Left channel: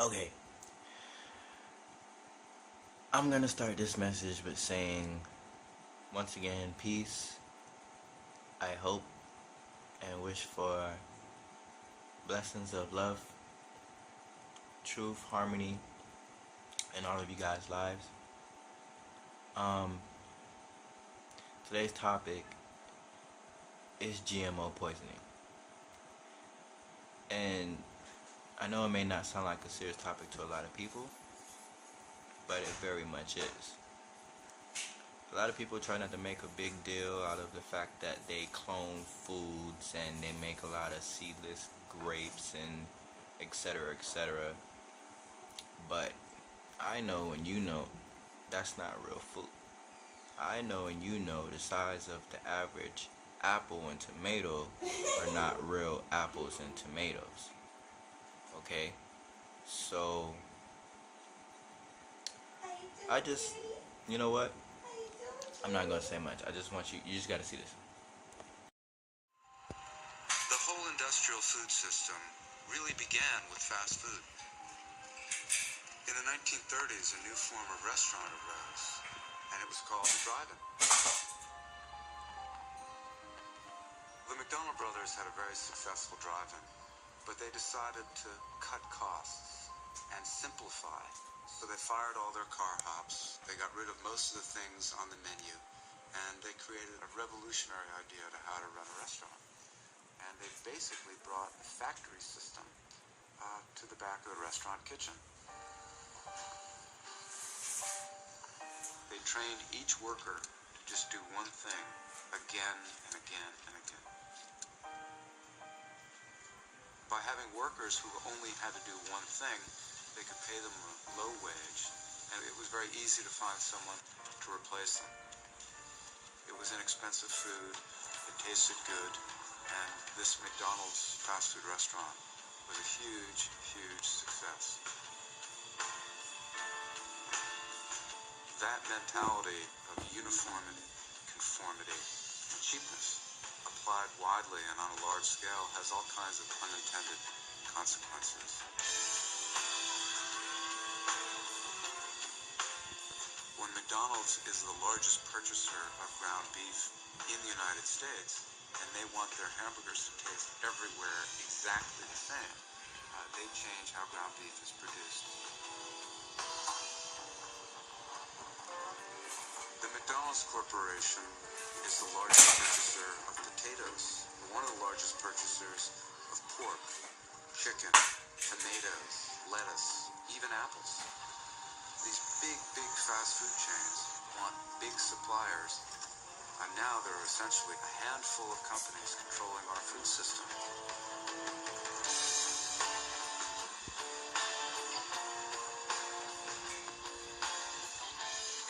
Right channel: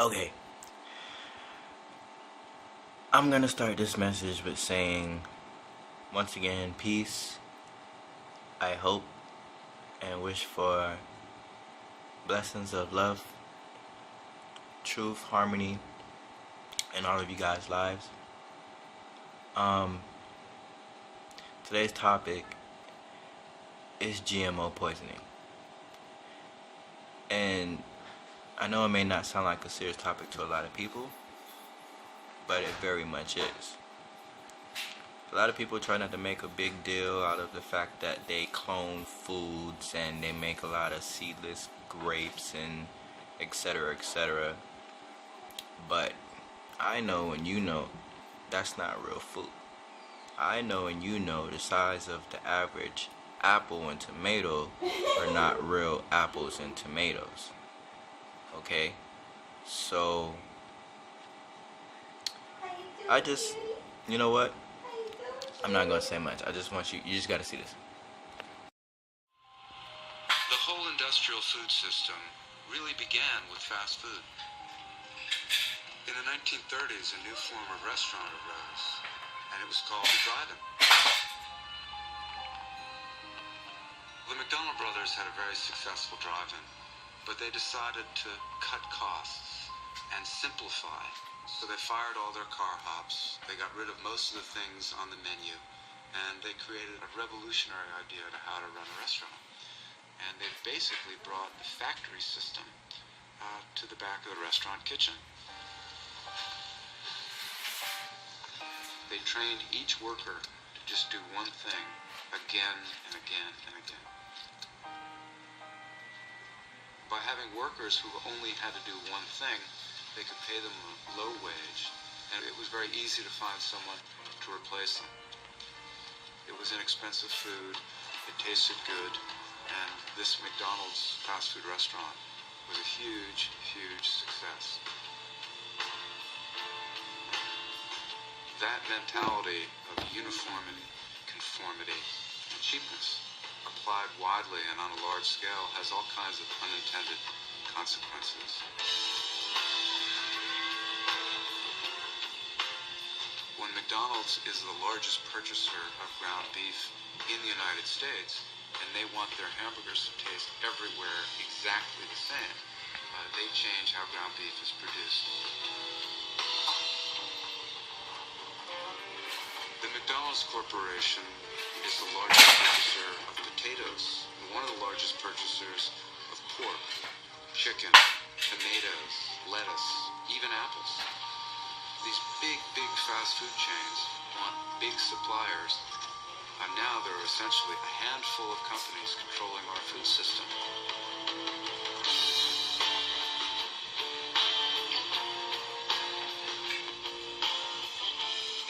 Okay, I'm gonna start this message with saying, once again, peace. I hope and wish for blessings of love, truth, harmony in all of you guys' lives. Um, Today's topic is GMO poisoning. And I know it may not sound like a serious topic to a lot of people, but it very much is. A lot of people try not to make a big deal out of the fact that they clone foods and they make a lot of seedless grapes and etc. etc. But I know and you know that's not real food. I know and you know the size of the average apple and tomato are not real apples and tomatoes. Okay? So I just, you know what? I'm not gonna say much. I just want you just gotta see this. The whole industrial food system really began with fast food. In the 1930s, a new form of restaurant arose, and it was called a drive-in. The McDonald brothers had a very successful drive-in, but they decided to cut costs and simplify. So they fired all their car hops, they got rid of most of the things on the menu, and they created a revolutionary idea to how to run a restaurant. And they've basically brought the factory system to the back of the restaurant kitchen. They trained each worker to just do one thing again and again and again. By having workers who only had to do one thing, they could pay them a low wage, and it was very easy to find someone to replace them. It was inexpensive food, it tasted good, and this McDonald's fast food restaurant was a huge, huge success. That mentality of uniformity, conformity, and cheapness applied widely and on a large scale has all kinds of unintended consequences. When McDonald's is the largest purchaser of ground beef in the United States, and they want their hamburgers to taste everywhere exactly the same, they change how ground beef is produced. The McDonald's Corporation is the largest purchaser of potatoes, and one of the largest purchasers of pork, chicken, tomatoes, lettuce, even apples. These big fast food chains want big suppliers, and now there are essentially a handful of companies controlling our food system.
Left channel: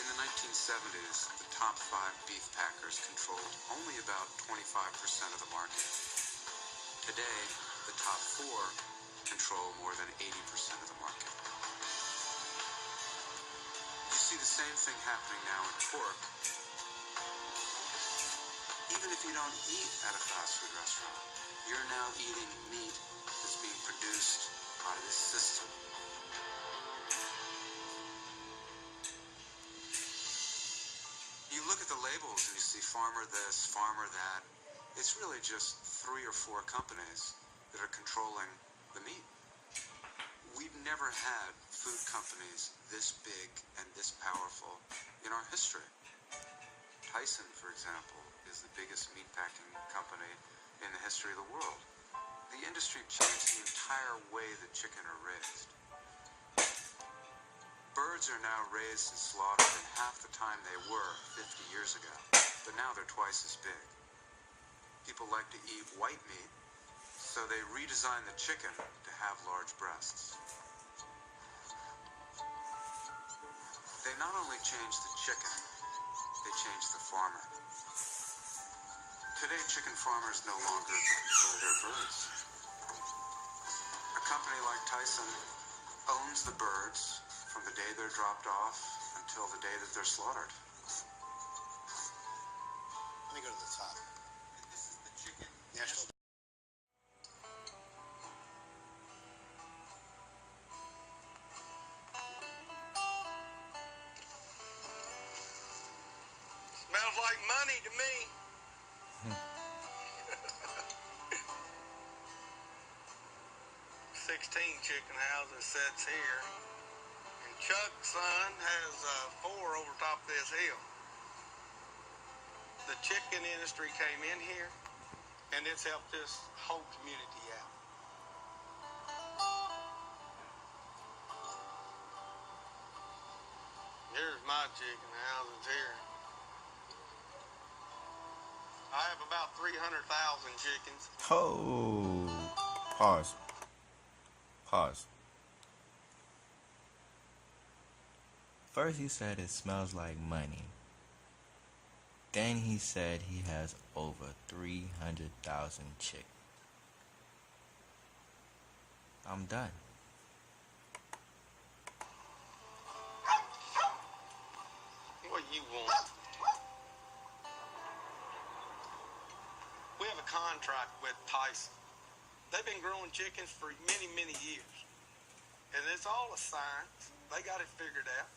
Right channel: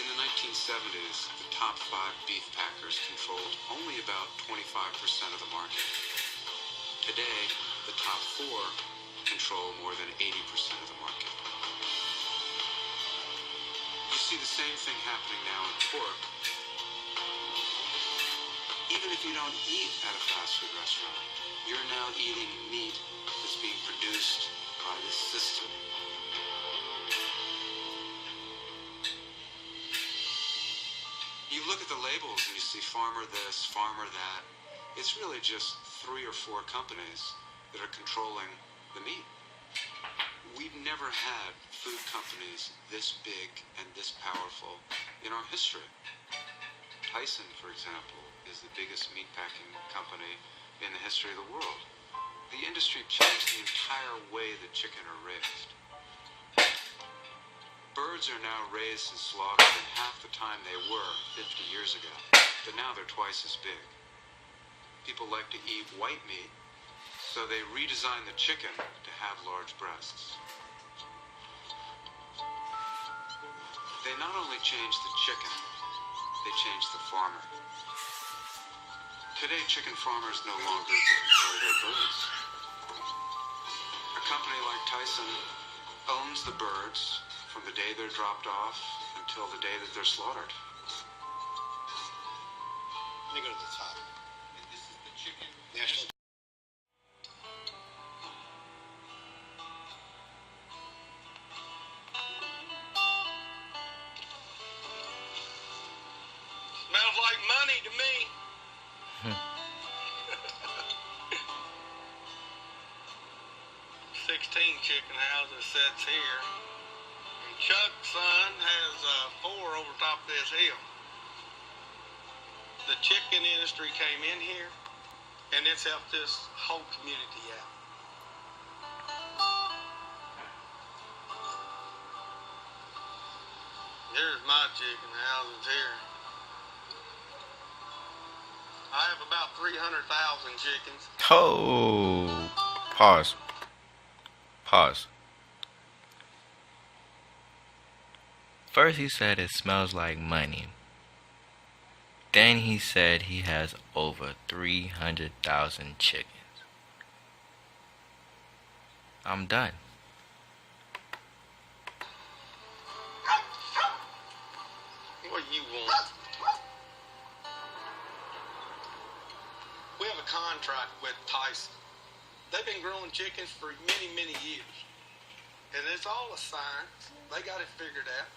In the 1970s, the top 5 beef packers controlled only about 25% of the market. Today, the top 4 control more than 80% of the market. You see the same thing happening now in pork. Even if you don't eat at a fast food restaurant, you're now eating meat that's being produced by this system. You look at the labels and you see farmer this, farmer that. It's really just 3 or 4 companies that are controlling the meat. We've never had food companies this big and this powerful in our history. Tyson, for example, is the biggest meatpacking company in the history of the world. The industry changed the entire way that chicken are raised. Birds are now raised and slaughtered at half the time they were 50 years ago, but now they're twice as big. People like to eat white meat, so they redesigned the chicken to have large breasts. They not only changed the chicken, they changed the farmer. Today, chicken farmers no longer carry their birds. A company like Tyson owns the birds from the day they're dropped off until the day that they're slaughtered. Let me go to the top. And this is the chicken. chicken houses sets here. And Chuck's son has 4 over top of this hill. The chicken industry came in here, and it's helped this whole community out. Here's my chicken houses here. I have about 300,000 chickens. Oh, pause. Pause. First he said it smells like money. Then he said he has over 300,000 chickens. I'm done. What do you want? We have a contract with Tyson. They've been growing chickens for many, many years. And it's all a science. They got it figured out.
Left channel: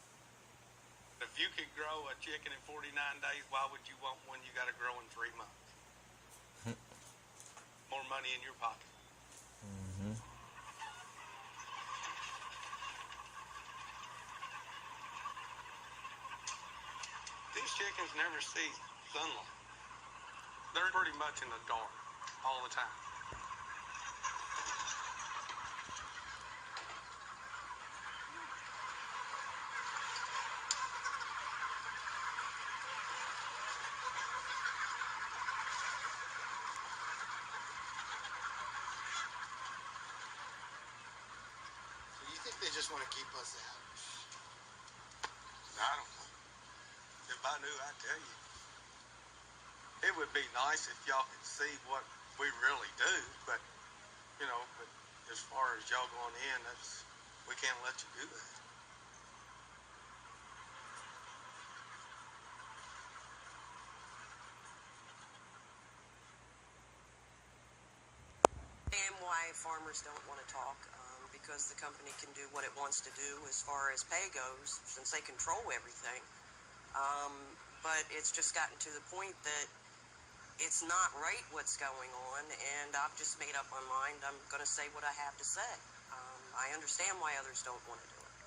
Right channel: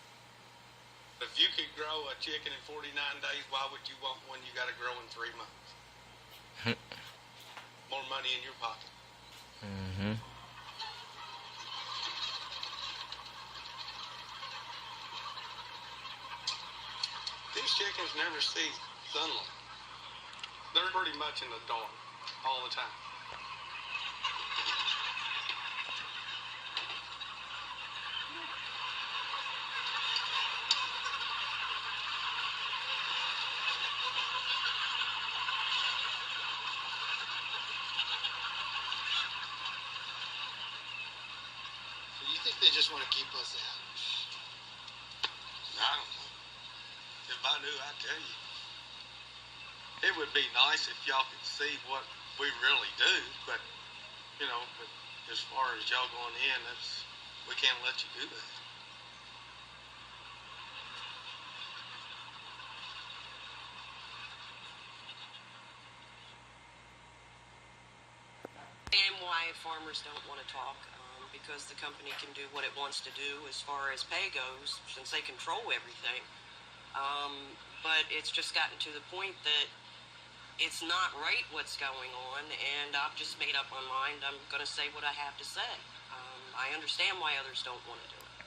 If you could grow a chicken in 49 days, why would you want one you got to grow in 3 months? More money in your pocket. Mm-hmm. These chickens never see sunlight. They're pretty much in the dark all the time. You think they just want to keep us out? I don't know. If I knew, I'd tell you. It would be nice if y'all could see what we really do, but, but as far as y'all going in, we can't let you do that. And why farmers don't want to talk, because the company can do what it wants to do as far as pay goes, since they control everything. But it's just gotten to the point that it's not right what's going on, and I've just made up my mind. I'm going to say what I have to say. I understand why others don't want to do it.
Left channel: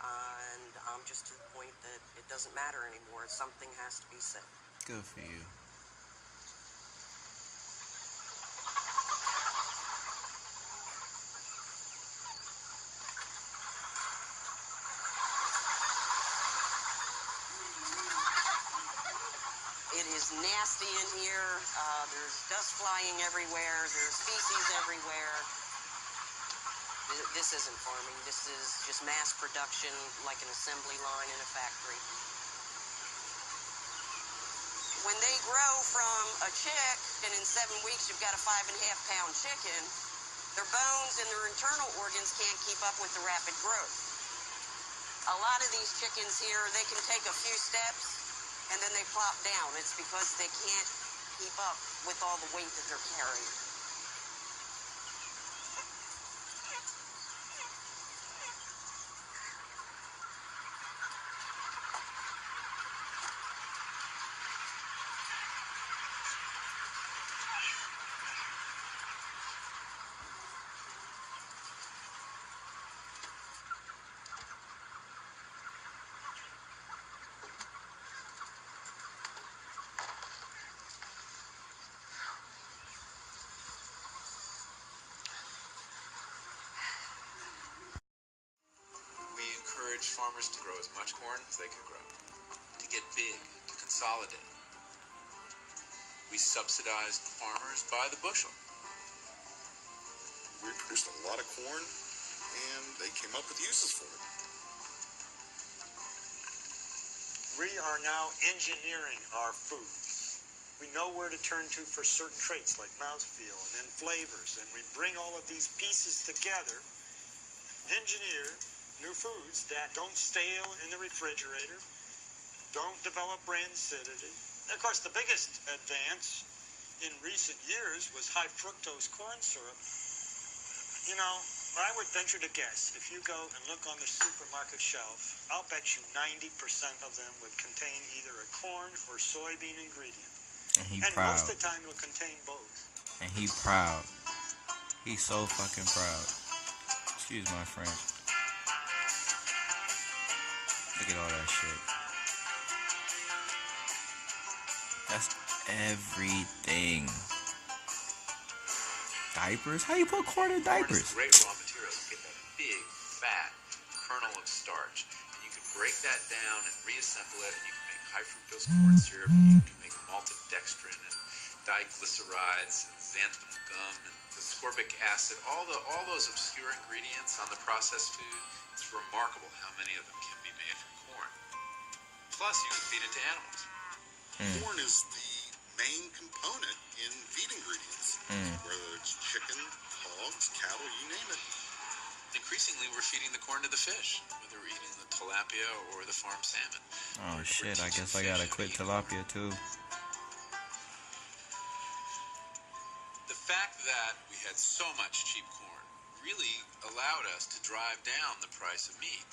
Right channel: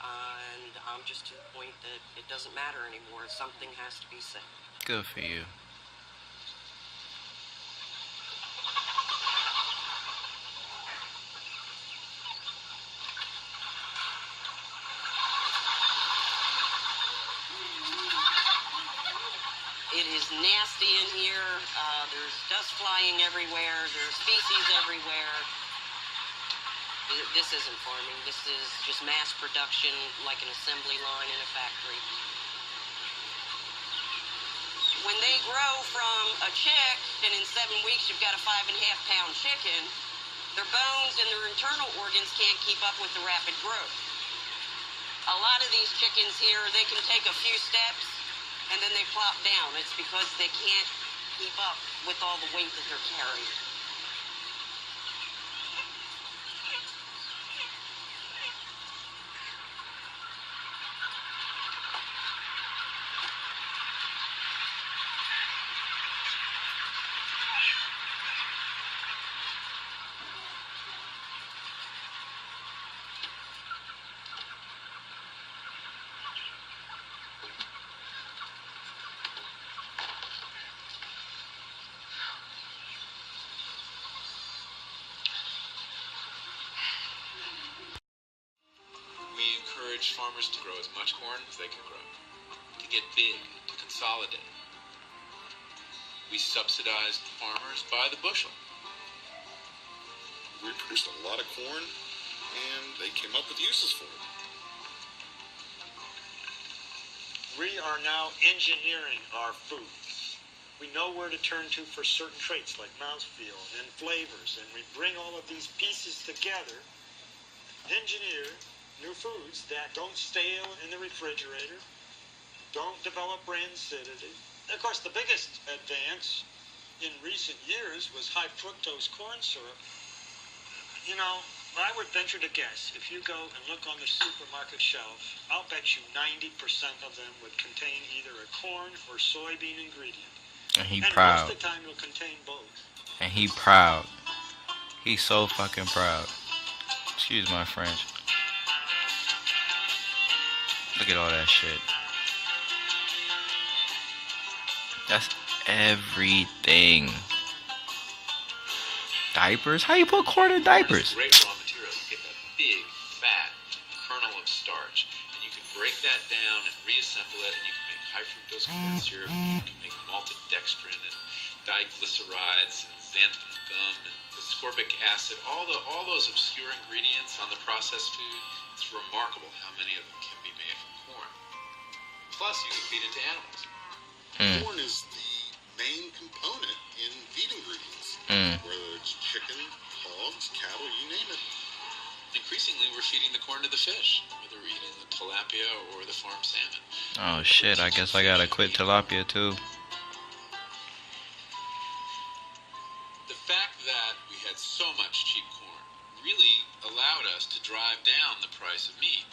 And I'm just to the point that it doesn't matter anymore. Something has to be said. Good for you. It is nasty in here. There's dust flying everywhere. There's feces everywhere. This isn't farming. This is just mass production, like an assembly line in a factory. When they grow from a chick, and in 7 weeks you've got a 5.5-pound chicken, their bones and their internal organs can't keep up with the rapid growth. A lot of these chickens here, they can take a few steps, and then they plop down. It's because they can't keep up with all the weight that they're carrying. We encourage farmers to grow as much corn as they can grow, to get big, to consolidate. We subsidize farmers by the bushel. We produced a lot of corn, and they came up with uses for it. We are now engineering our food. We know where to turn to for certain traits like mouthfeel and flavors, and we bring all of these pieces together, engineer new foods that don't stale in the refrigerator, don't develop brain acidity. Of course, the biggest advance in recent years was high fructose corn syrup. I would venture to guess, if you go and look on the supermarket shelf, I'll bet you 90% of them would contain either a corn or soybean ingredient. And he And proud. most of the time will contain both. And he proud. He's so fucking proud. Excuse my French. Look at all that shit. That's everything. Diapers? How you put corn in diapers? Great raw material. You get that big, fat kernel of starch, and you can break that down and reassemble it, and you can make high fructose corn syrup. You can make malted dextrin and diglycerides, and xanthan gum, and ascorbic acid. All those obscure ingredients on the processed food. It's remarkable how many of them can be made from corn. Plus, you can feed it to animals. Corn is the main component in feed ingredients. Whether it's chicken, hogs, cattle, you name it. Increasingly, we're feeding the corn to the fish, whether we're eating the tilapia or the farm salmon. Oh shit, I guess I gotta quit tilapia too. The fact that we had so much cheap corn really allowed us to drive down the price of meat.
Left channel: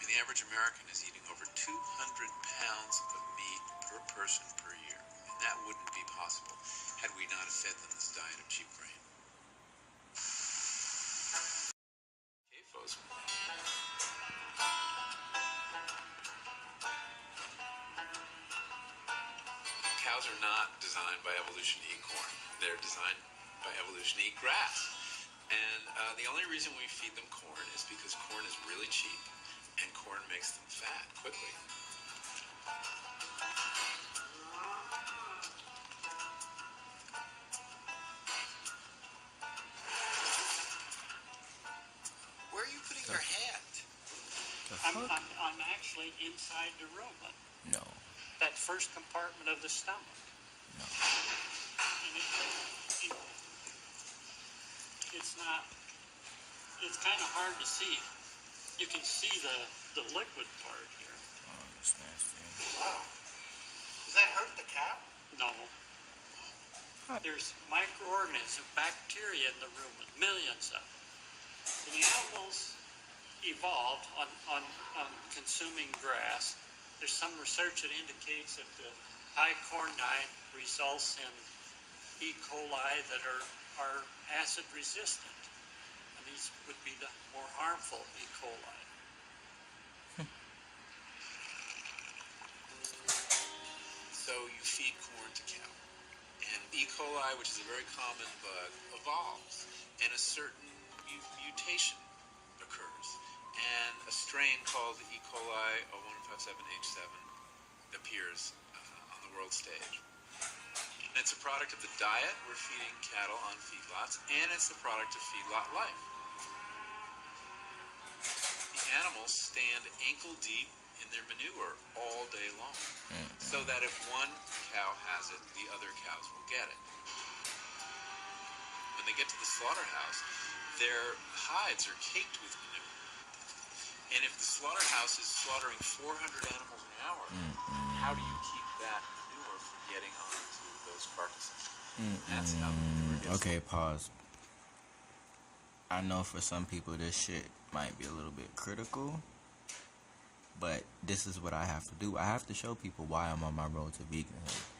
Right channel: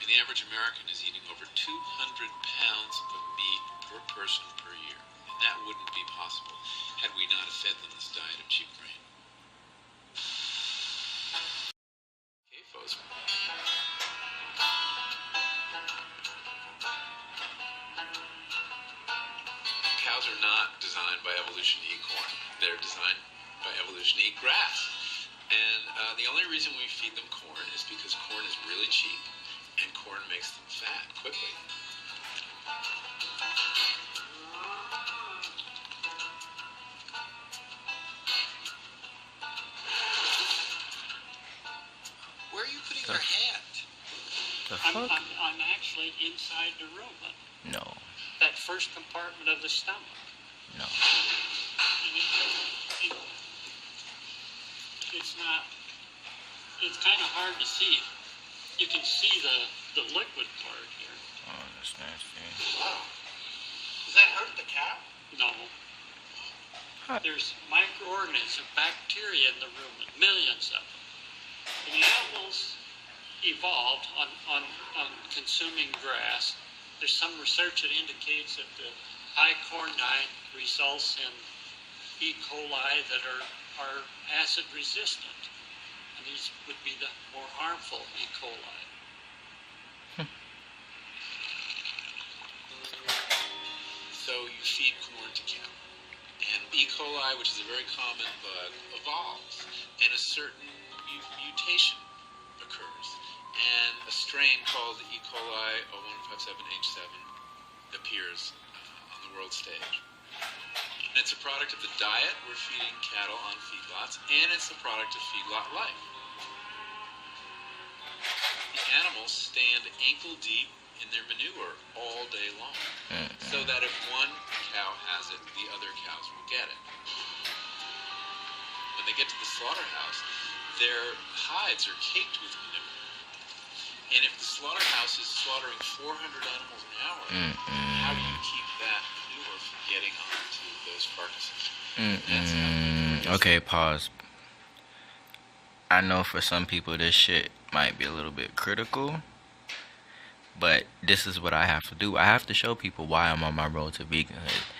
And the average American is eating over 200 pounds of meat per person per year. And that wouldn't be possible had we not fed them this diet of cheap grain. Okay, folks. Cows are not designed by evolution to eat corn. They're designed by evolution to eat grass. And the only reason we feed them corn is because corn is really cheap and corn makes them fat quickly. Where are you putting your hand? The fuck? I'm actually inside the room. No. That first compartment of the stomach. No. It's not. It's kind of hard to see. You can see the liquid part here. Oh, that's nasty. Does that hurt the cow? No. Huh. There's microorganisms, bacteria in the room, millions of them. The animals evolved on consuming grass. There's some research that indicates that the high corn diet results in E. coli that are acid resistant. And these would be the more harmful E. coli. So you feed corn to cattle. And E. coli, which is a very common bug, evolves. And a certain mutation occurs. And a strain called E. coli 0157H7 appears on the world stage. And it's a product of the diet we're feeding cattle on feedlots, and it's the product of feedlot life. The animals stand ankle deep in their manure all day long, so that if one cow has it, the other cows will get it. When they get to the slaughterhouse, their hides are caked with manure. And if the slaughterhouse is slaughtering 400 animals an hour, how do you keep that manure from getting onto those carcasses? Okay, pause. I know for some people this shit might be a little bit critical, but this is what I have to do. I have to show people why I'm on my road to veganhood.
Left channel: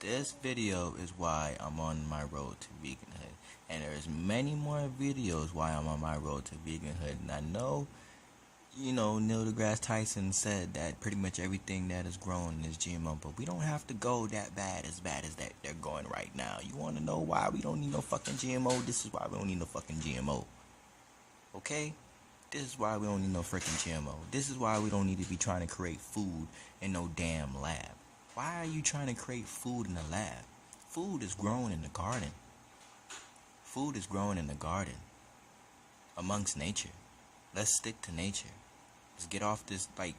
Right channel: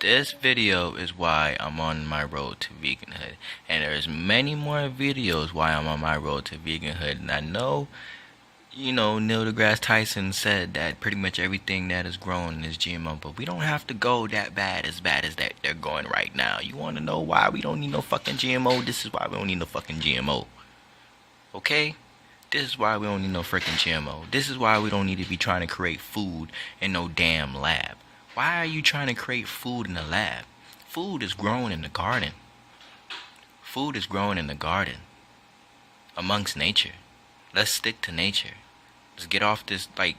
This video is why I'm on my road to veganhood, and there's many more videos why I'm on my road to veganhood. And I know, you know, Neil deGrasse Tyson said that pretty much everything that is grown is GMO, but we don't have to go that bad as that they're going right now. You want to know why we don't need no fucking GMO? This is why we don't need no fucking GMO. Okay? This is why we don't need no freaking GMO. This is why we don't need to be trying to create food in no damn lab. Why are you trying to create food in the lab? Food is grown in the garden. Food is grown in the garden. Amongst nature. Let's stick to nature. Let's get off this, like...